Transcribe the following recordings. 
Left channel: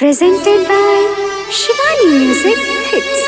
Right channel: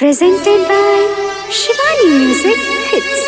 Presented by Shivani Music Hits.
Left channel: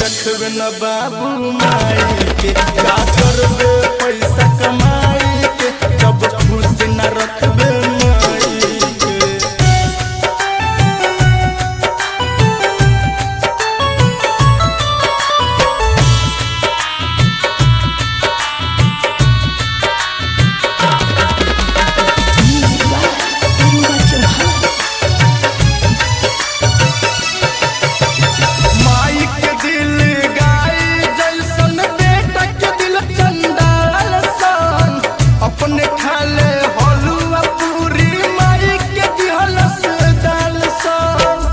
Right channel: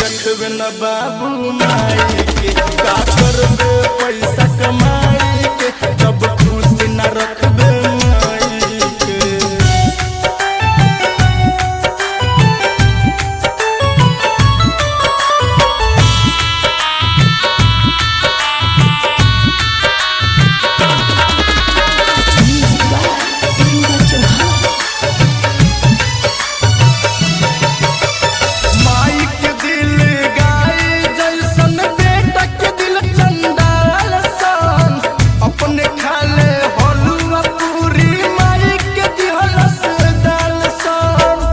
रखबे न बाबू माई के का करबे पैसा कमाई के जब खुशी न रखबे माई के। माई के दिल गाय जैसन बेटा के दिल चंडाल सन अपने खाले हलुआ पूरी माई के दिहलस दाल सन।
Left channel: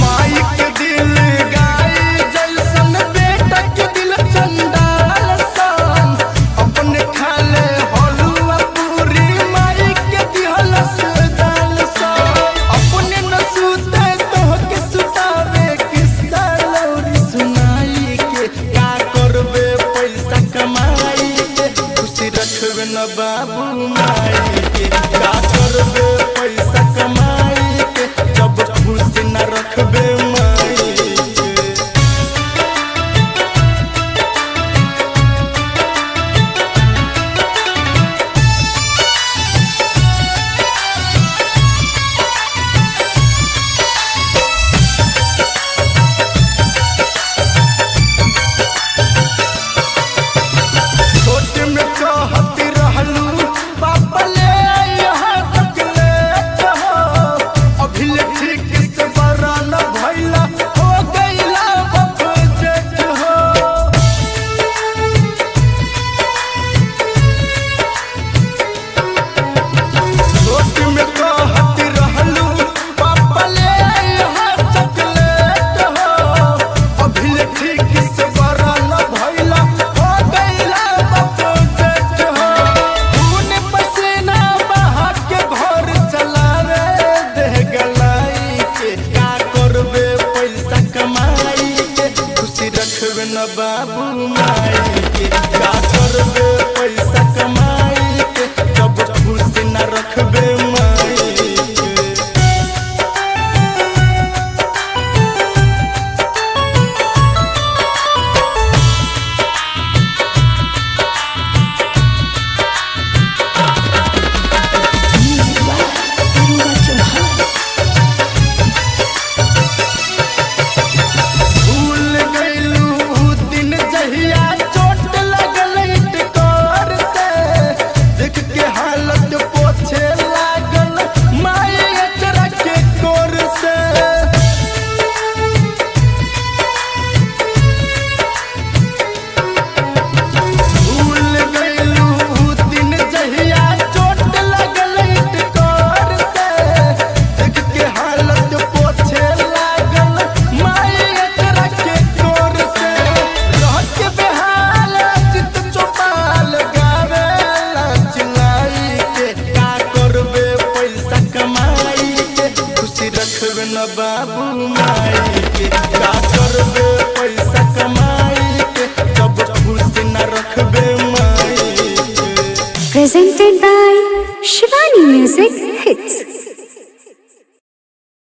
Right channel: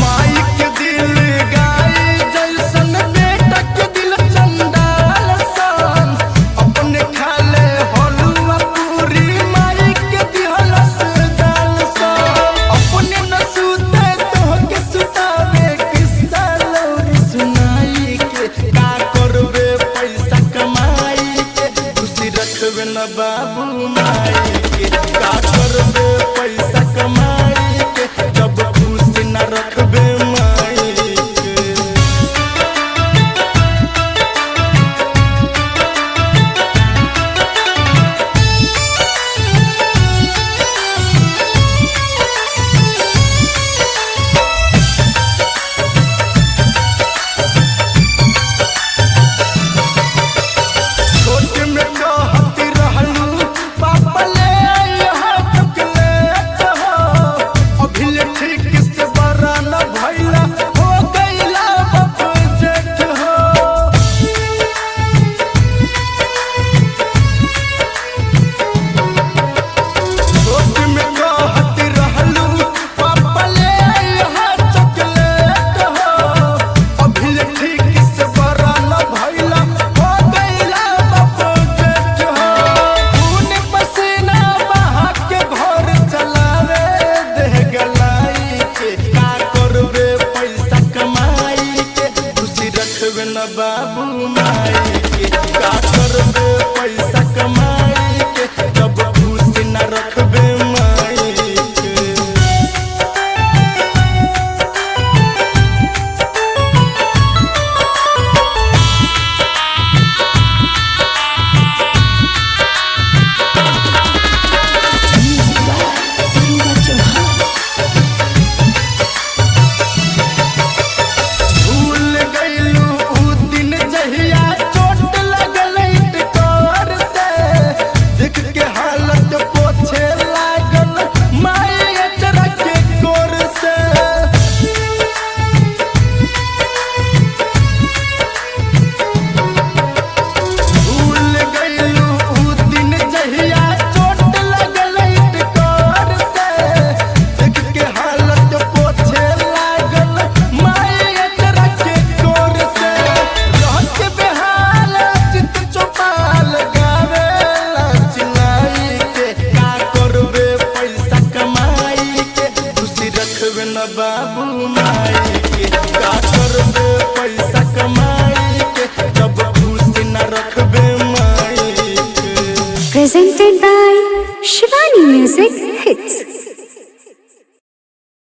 माई के दिल गाय जैसन बेटा के दिल चंडाल सन अपने खाले हलुआ पूरी माई के दिहलस दाल सन। अपने न सुते तो के सुतावे किस्सा लौरी सुनाई के का करबे पैसा कमाई के खुशी रखबे न बाबू माई के का करबे पैसा कमाई के जब खुशी न रखबे माई के। छोटे में कहती रहलू पापा ले यहाँ तक लेट हो अभी ले ठीक से बड़ा न भैला हो गईला बाप जेठ हो। छोटे में कहती रहलू पापा ले यहाँ तक लेट हो अभी ले ठीक से बड़ा न भैला हो गईला बाप जेठ हो। खून पसीना बहा के घर चलावे देह गलाई के का करबे पैसा कमाई के खुशी रखबे न बाबू माई के का करबे पैसा कमाई के जब खुशी न रखबे माई के। भूल गईलू उ दिन जहिया चोट लगल इटकोर से देख के हालत पोछे लागल माई अचरा के कोर से। भूल गईलू उ दिन जहिया चोट लगल इटकोर से देख के हालत पोछे लागल माई अचरा के कोर से। रह के बेहाल चित चौपाल गावे चिल्लाई के का करबे पैसा कमाई के खुशी रखबे न बाबू माई के का करबे पैसा कमाई के जब खुशी न रखबे माई के। Presented by Shivani Music Hits.